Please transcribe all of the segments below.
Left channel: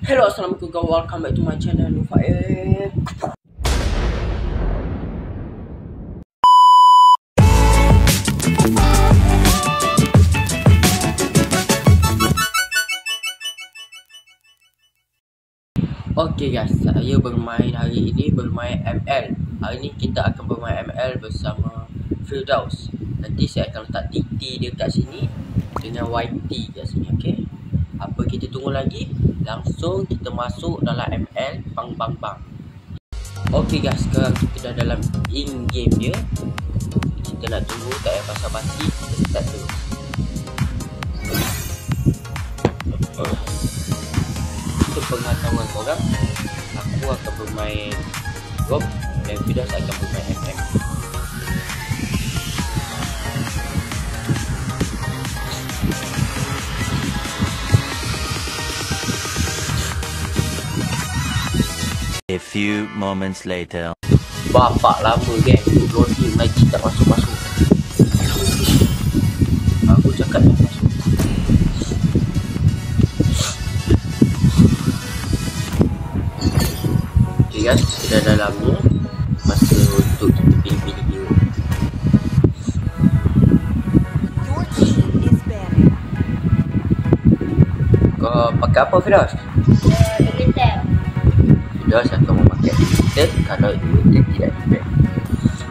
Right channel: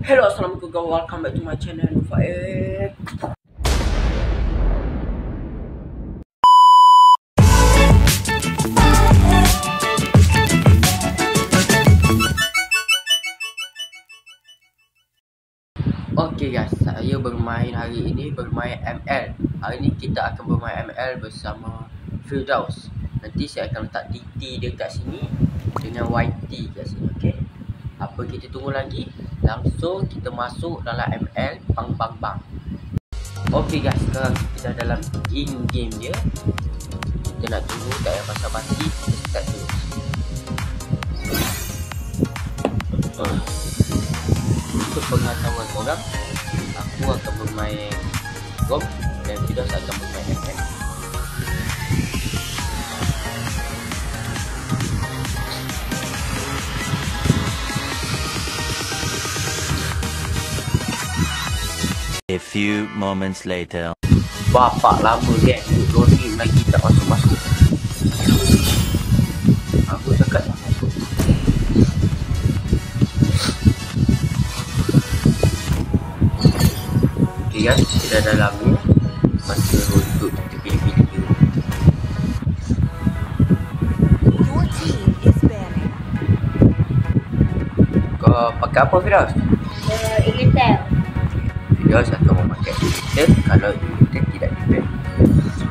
Hello, assalamualaikum guys. Welcome back to my channel Nufaid. Okay guys, saya bermain hari ini bermain ML. Hari ini kita akan bermain ML bersama Firdaus. Nanti saya akan letak TT dekat sini dengan YT kat sini, okey. Apa kita tunggu lagi? Langsung kita masuk dalam ML bang bang bang. Okey guys, sekarang kita dah dalam in game dia. Kita nak tunggu, tak payah basa-basi, kita start dulu. Untuk pengetahuan korang, aku akan bermain GOM dan Firdaus akan bermain ML. A few moments later. Bapak lama kan, duduk loading lagi tak masuk-masuk. Aku cakap tak masuk. Okay guys, kita dah dalamnya. Masa untuk kita pilih-pilih dia. Kau pakai apa Firdaus? Intel. Firdaus akan memakai Intel kalau Intel tidak depend.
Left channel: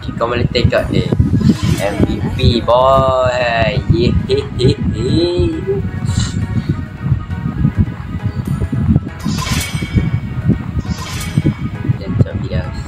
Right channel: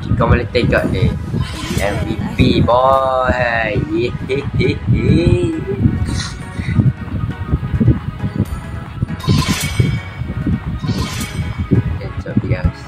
Okay, kau boleh tengok ni MVP boy. Yehehehe. Macam Firdaus.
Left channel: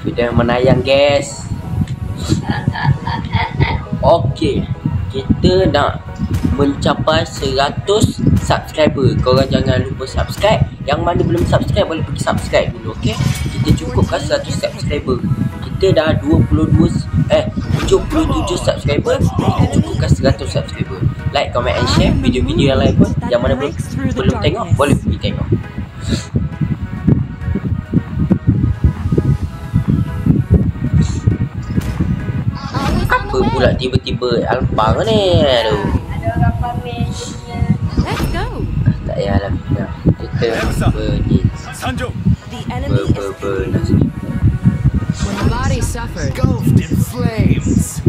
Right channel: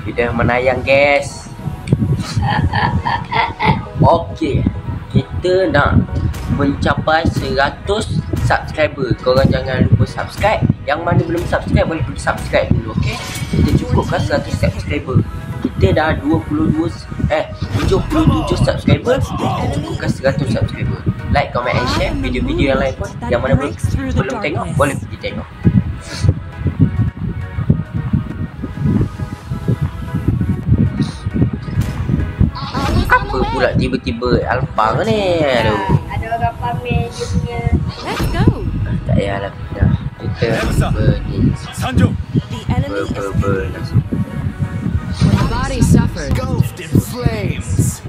Firdaus menayang guys. Okey, kita nak mencapai 100 subscriber. Korang jangan lupa subscribe. Yang mana belum subscribe boleh pergi subscribe dulu, okey. Kita cukupkan 100 subscriber. Kita dah 77 subscriber. Kita cukupkan 100 subscriber. Like, comment and share video-video yang lain pun. Yang mana belum tengok boleh pergi tengok. Apa pula tiba-tiba Alpha ni? Aduh. Ada orang pamer dia punya. Let's go. Tak payahlah. Dah. Kita pergi The enemy is nasi. when the body suffered. Engulfed in flames.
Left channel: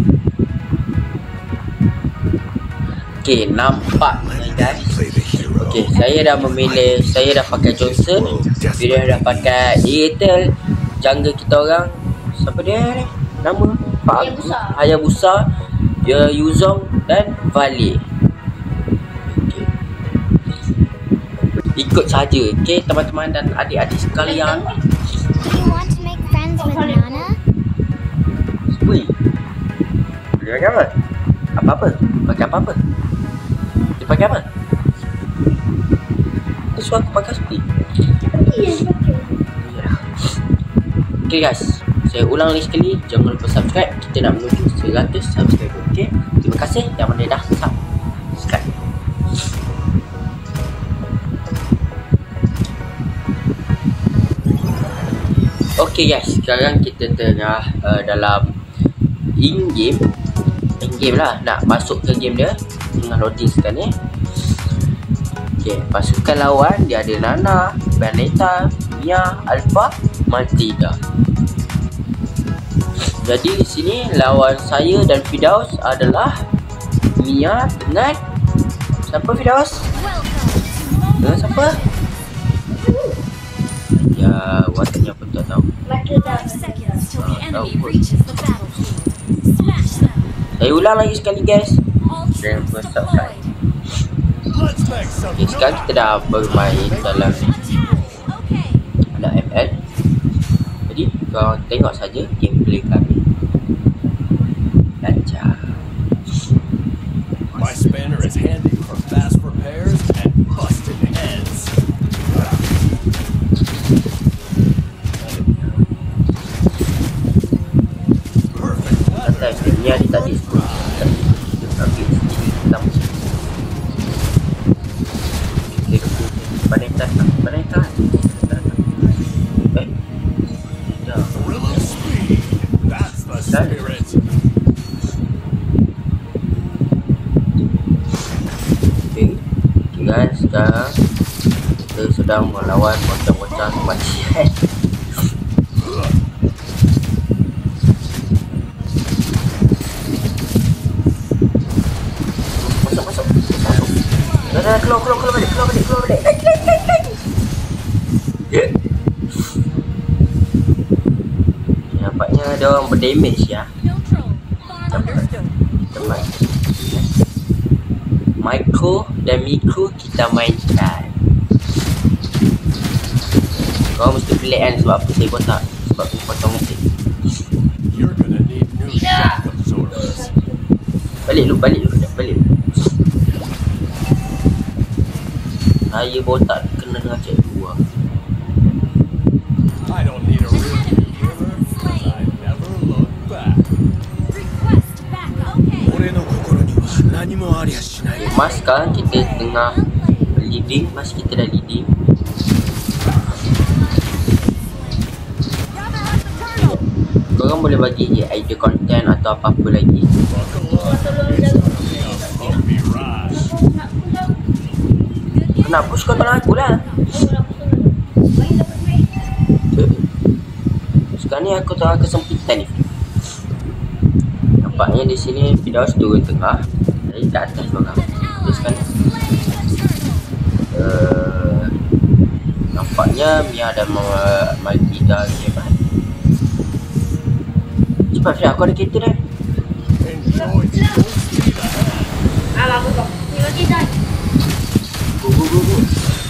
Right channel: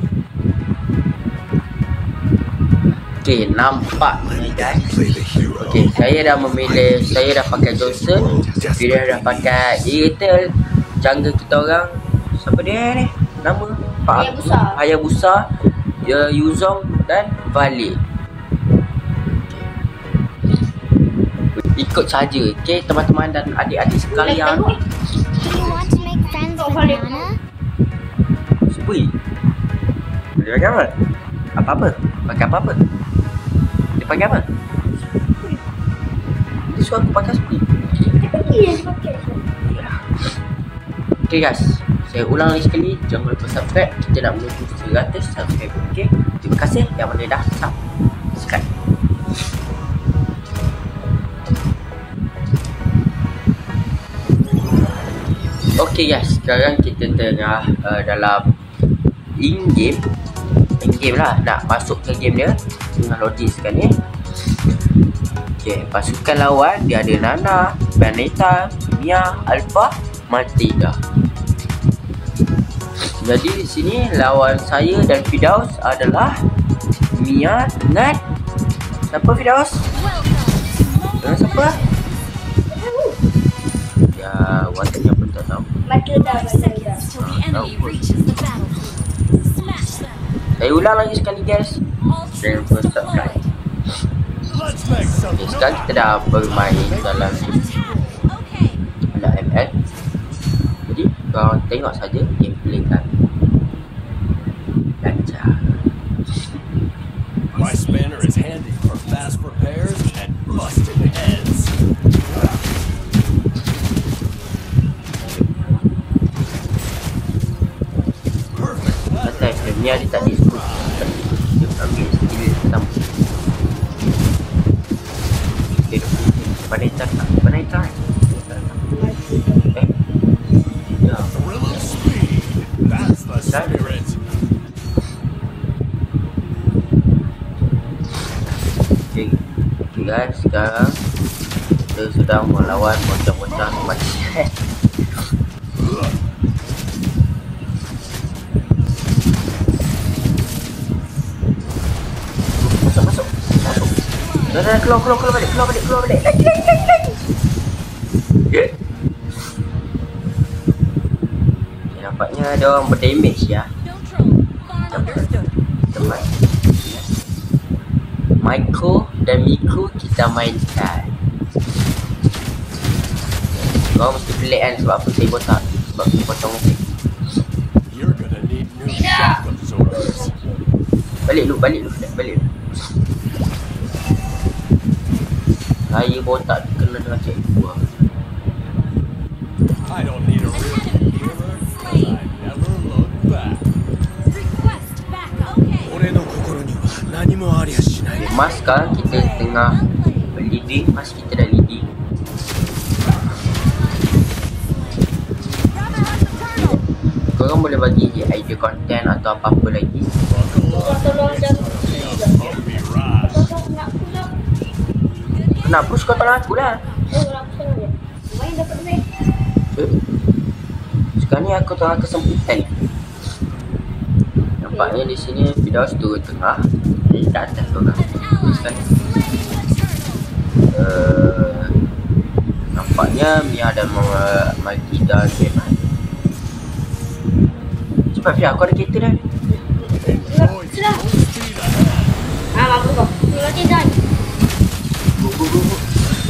Okay, nampak ni guys. Play the hero. Okay, saya dah memilih. Saya dah pakai Johnson. Dia dah pakai Airtel. Jungle kita orang, siapa dia ni? Nama Hayabusa, Yuzong dan Valley. Ikut saja, okay teman-teman dan adik-adik sekalian. Do you want to make friends with Nana? Spui. Dia pakai apa? Apa-apa? Pakai apa-apa? Dia pakai apa? Dia suruh aku pakai spui. Dia pakai. Okay guys, saya ulang lagi sekali, jangan lupa subscribe. Kita nak menuju 100 subscriber. Okay, terima kasih yang mana dah subscribe. Okay guys, sekarang kita tengah dalam in-game lah, nak masuk ke game dia. Tengah loading sekarang ni. Okay, pasukan lawan dia ada Nana, Vanessa, Mia, Alpha, Matilda. Jadi di sini lawan saya dan Firdaus adalah Mia dengan siapa Firdaus? Dengan siapa? Ya, wataknya pun tak tahu. Matilda. Till the enemy reaches the battlefield. Smash them. Saya ulang lagi sekali guys. All Jangan troops lupa subscribe. deployed. Let's make some Okay, sekarang kita dah bermain dalam Okay. ML. Jadi korang tengok saja gameplay kami. Lancar. My spanner is handy for fast repairs and busted heads. Perfect weather. Santai, Mia dia tak di. Dia ambil skill hitam. Okay, Vanessa tak. Vanessa. Ya. Thrill of speed. That's the spirit. Okay guys, sekarang kita sedang melawan bocah-bocah kematian. Masuk. Dah, keluar balik. Nampaknya ada orang berdamage ya. Teman Micro dan Micro kita mainkan. Kau mesti pelik kan sebab apa saya botak. Sebab saya potong musik. You're gonna need new shock absorbers. Balik lu. Saya botak kena dengan cikgu lah. I don't need a real gamer, 'cause I never look back. Request backup. Okay. Mas sekarang kita tengah leading. Mas kita dah leading. Korang boleh bagi je idea content atau apa-apa lagi. Buckle up, it's gonna be a bumpy ride. Nak push kau tolong aku lah. Sekarang ni aku tengah kesempitan ni. Nampaknya di sini Firdaus turun tengah. Jadi kat atas korang. Jadi sekarang nampaknya Mia ada bagi dah game lah. Cepat Fia, aku ada kereta dah. Enjoy the full speed ahead. Aku kau. Mati dah. Go.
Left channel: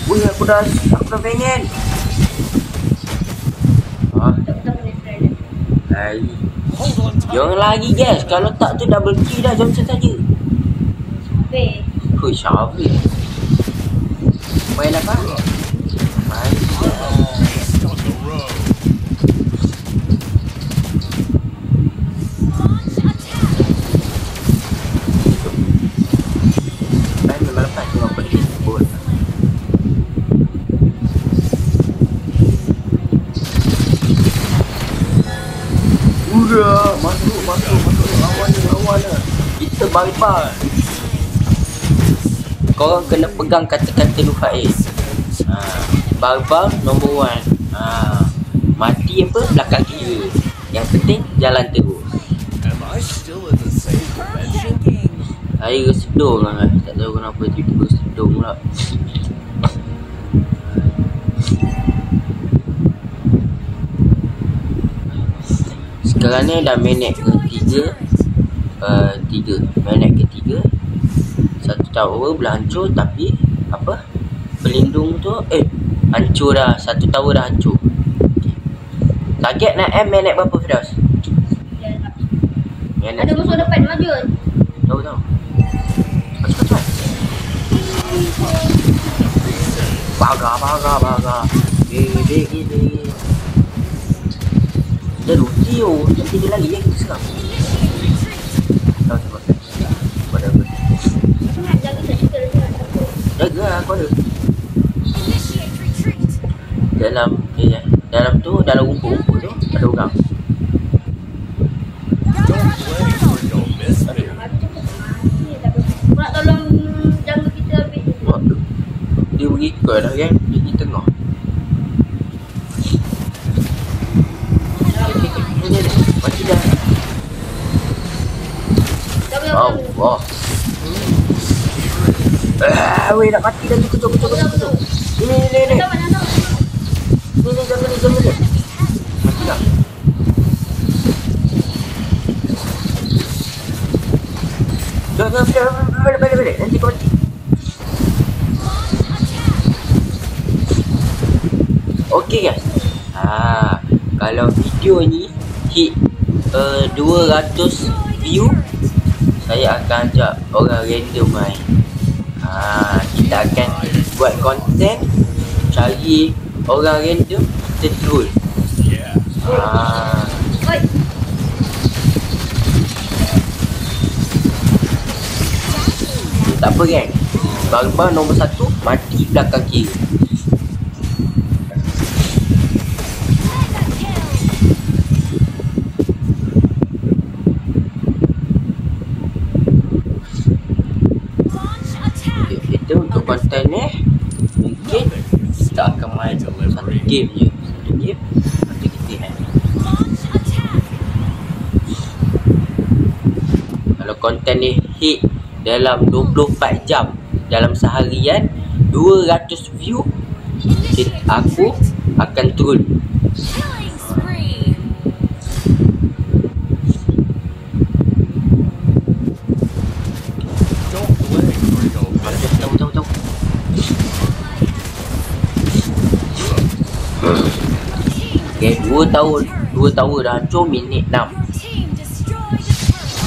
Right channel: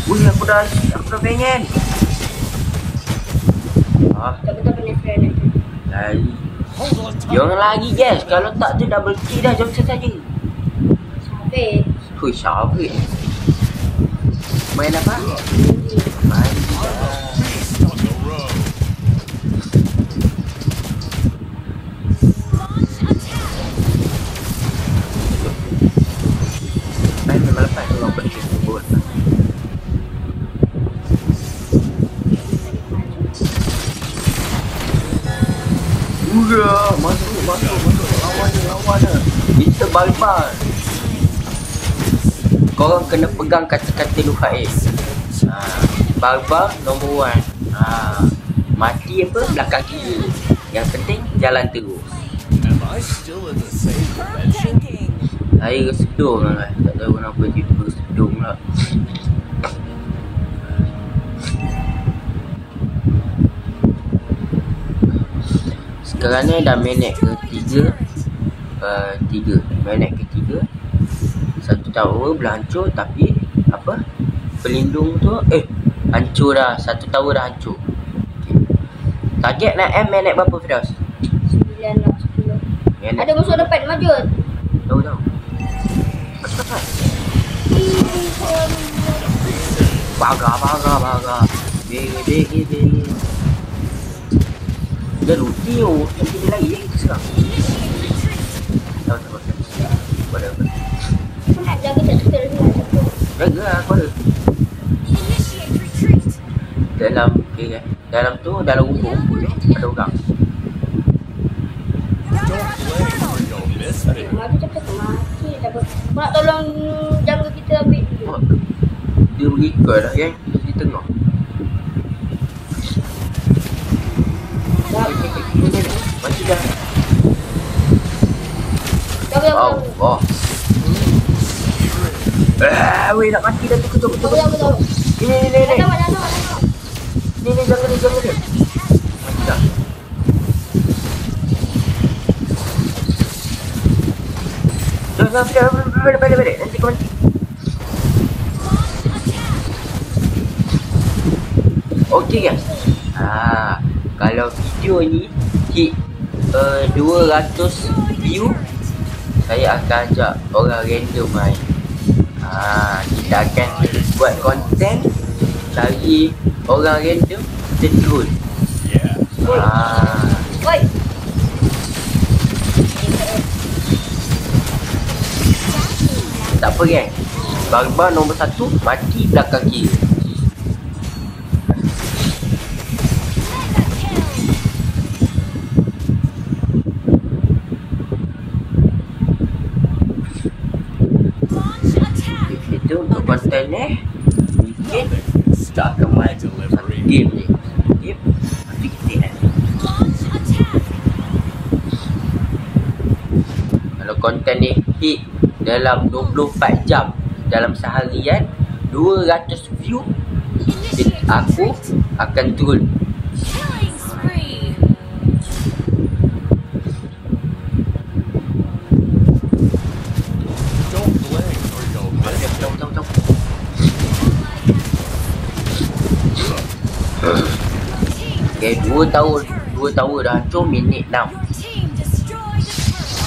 Wih, aku dah pengen. Kita punya friend. Lari. Hold on tight. Jangan lagi guys. Kalau tak tu double kill dah. Johnson saja. Weh. Hui, Syafir. Main apa? Main. Beast on the road. Main memang lepas tu orang pergi sebut. Udah, masuk lawan dah. Kita barbar. Korang kena pegang kata-kata Nuhail. Barbar nombor 1. Mati apa belakang kiri. Yang penting jalan terus. Am I still in the same dimension? Saya sedung lah. Tak tahu kenapa tiba-tiba sedung pula. Sekarang ni dah minit ketiga. Minit ketiga. Satu tower belah hancur. Tapi apa, pelindung tu hancur dah. Satu tower dah hancur. Okay. Target nak minit berapa Firdaus? 9 nak 10. Minit. Ada musuh depan maju. Tahu. Cepat. Baga. Begi. Dia luti oh. Nanti dia lagi yang sekarang. Tahu. Whatever. Jaga tak Jaga lah aku ada. Initiate retreat. Dalam tu, dalam rumput-rumput tu ada orang. Don't blame or you'll miss me. Mati cepat mati. Kau nak tolong jaga kita ambil tu. Oh, dia berikut dah kan. Dia di tengah. Mati dah. Wow. Weh nak mati dah. Ketuk. Ini. Ni jangan dia. Mati dah. Jangan balik. Nanti kau mati. Okay guys. Kalau video ni hit 200 view, saya akan ajak orang random main. Kita akan buat konten cari orang random kita troll. Yeah. Oi. Tak apa geng. Barbar nombor 1 mati belakang kiri. Itu untuk konten ni mungkin kita akan main satu game je. Satu game, nanti kita end. Launch attack. Kalau konten ni hit dalam 24 jam dalam seharian 200 view, aku akan turun. Killing spree. Don't blink or you'll miss it. Tahu. Okay, 2 tahun dah hancur, minit 6. Your team destroyed a turret.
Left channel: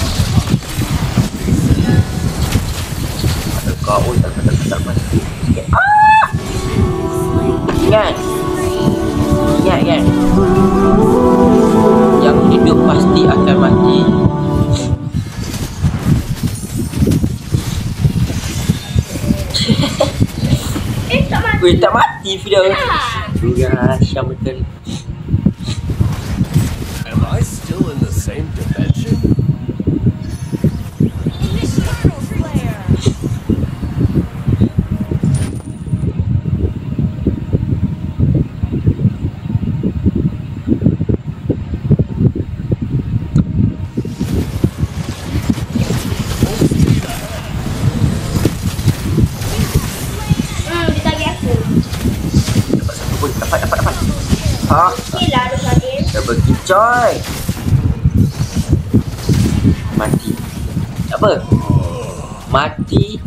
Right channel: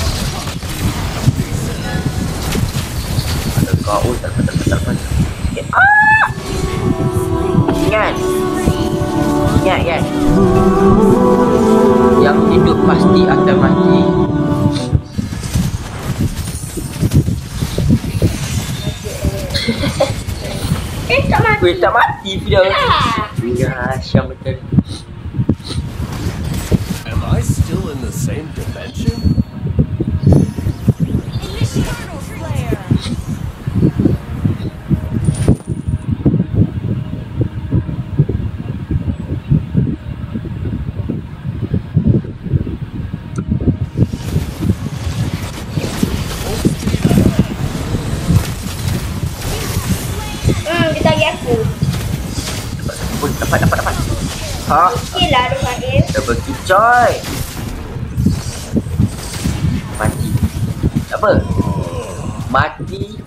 Ada kau, tak. Okay. Ingat kan? Yang hidup pasti akan mati. Tak mati. Weh, tak mati Firdaus. Ya, Syam betul. Am I still in the same dimension? Initiator flare. Dia tagih aku. Dapat satu pun, dapat. Ha, Okey lah dia panggil. dah pergi coy. Mati. Tak apa. Mati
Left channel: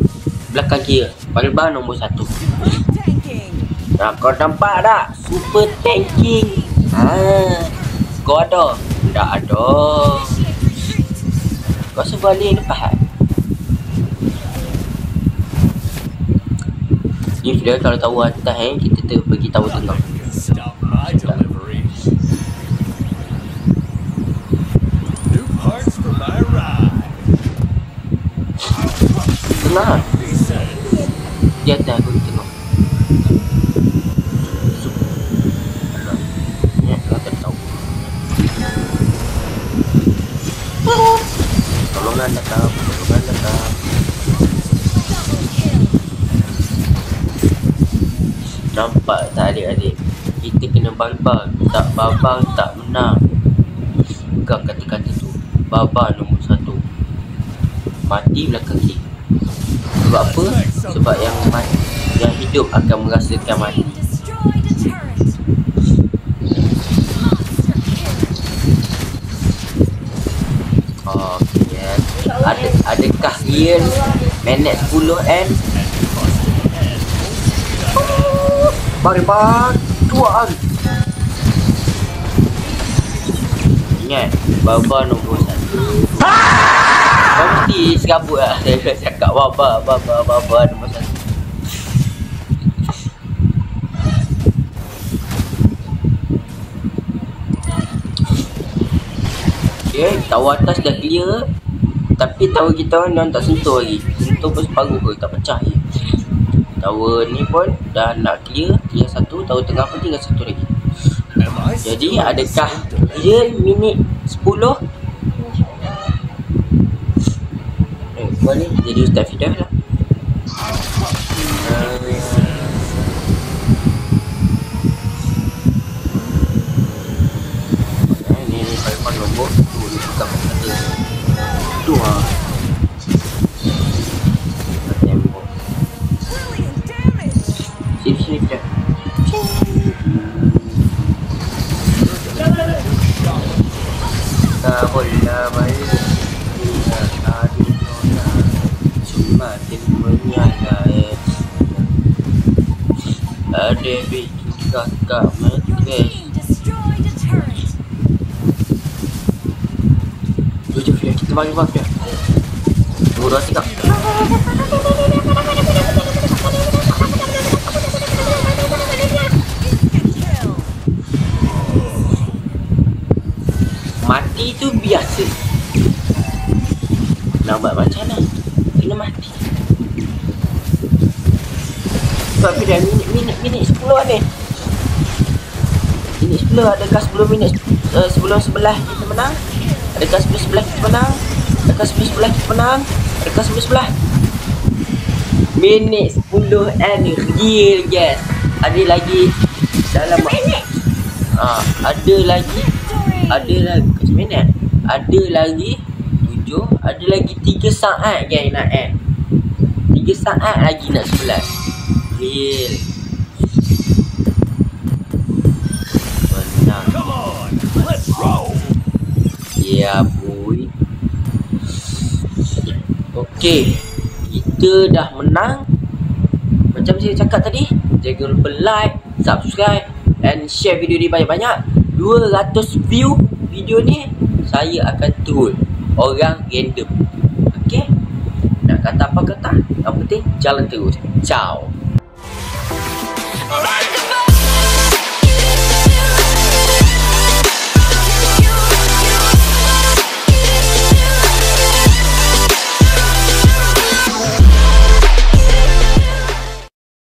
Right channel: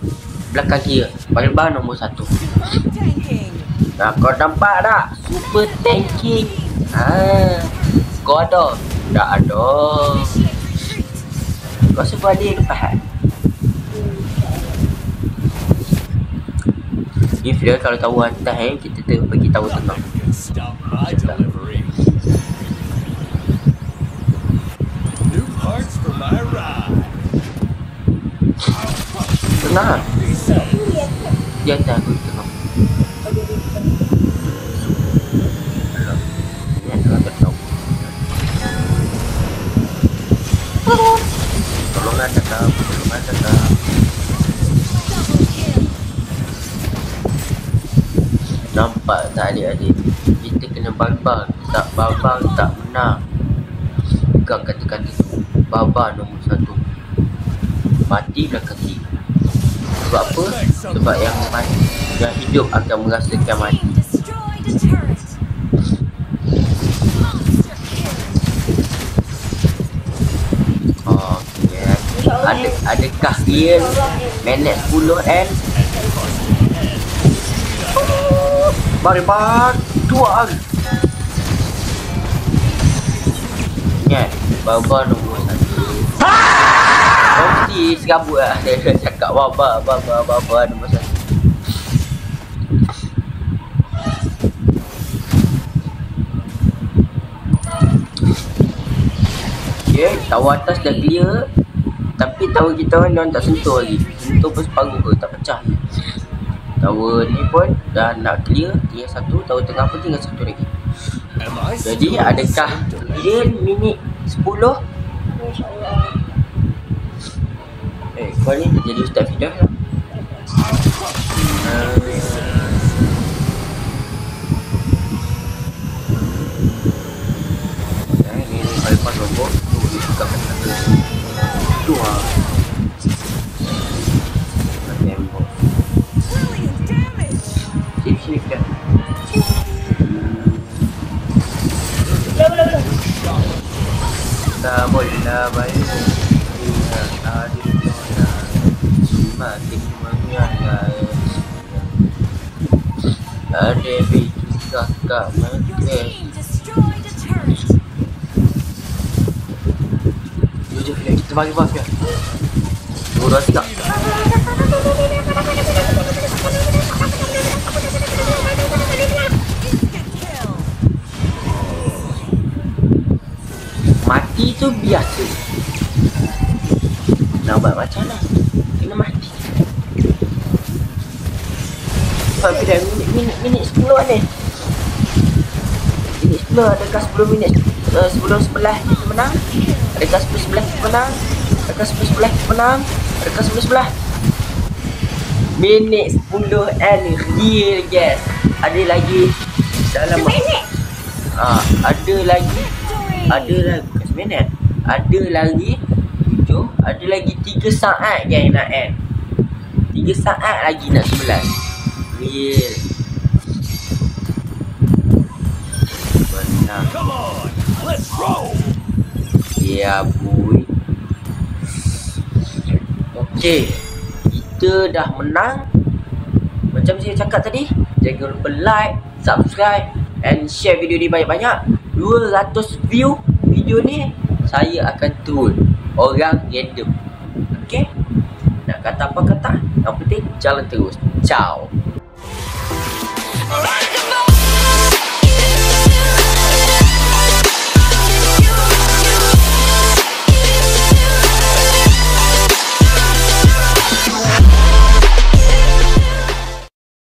belakang kira. Bang nombor 1. Tanking. Nah, kau nampak tak? Super tanking. Kau ada? Tak ada. Initiate retreat. Kau sebalik lepas. Ni Fidel kalau tahu atas kita pergi tahu tengah. Nothing can stop my delivery. New parts for my ride. Tengah. Reset. Di atas aku di tengah. Ni tengah tak tahu. Tolongan datang. Double kill. Nampak tak adik-adik? Kita kena barbang. Tak barbang tak menang. Pegang kata-kata tu. Barbar nombor 1. Mati belakang kiri. Sebab apa? Sebab yang mati, yang hidup akan merasakan mati. Team destroyed a turret. Monster kill. Okay. Adakah real minit 10 and Bang 2 hari. Ingat, Baba nombor 1. Kau mesti serabut lah. Saya cakap Baba nombor 1. Okay, tower atas dah clear. Tapi tower kita orang tak sentuh lagi. Sentuh pun separuh ke, tak pecah je. Tower ni pun dah nak clear. Clear 1, tower tengah pun tinggal 1 lagi. Am I still Jadi in the adakah same dimension? dia minit 10? Kau ni jadi Ustaz Fidah lah. Ni paling nombor tu dia buka kata. Tu ah. Tembok. Brilliant damage. Sini Fidah. Tak boleh baik. Aduh nona. Semakin menyangai. Ada bikin kakak mati. Team destroyed a turret. Jom Fidah, kita mari Fidah. 2, 3. Instant kill. Mati tu biasa. Nak buat macam mana? Kena mati. Sebab Fidah minit 10 ni. Minit 10, adakah 10 minit sebelum 11 kita menang? Adakah 10-11 kita menang? Adakah 10-11 kita menang? Adakah 10-11? Minit 10 and real guys. ada lagi dalam ada lagi bukan seminit. Ada lagi 7, ada lagi 3 saat guys nak end. 3 saat lagi nak 11. Real. Menang. Come on, let's roll. Ya boy. Okey, kita dah menang. Macam saya cakap tadi, jangan lupa like, subscribe and share video ni banyak-banyak. 200 view video ni, saya akan turun orang random. Okey? Nak kata apa kata, yang penting jalan terus. Ciao.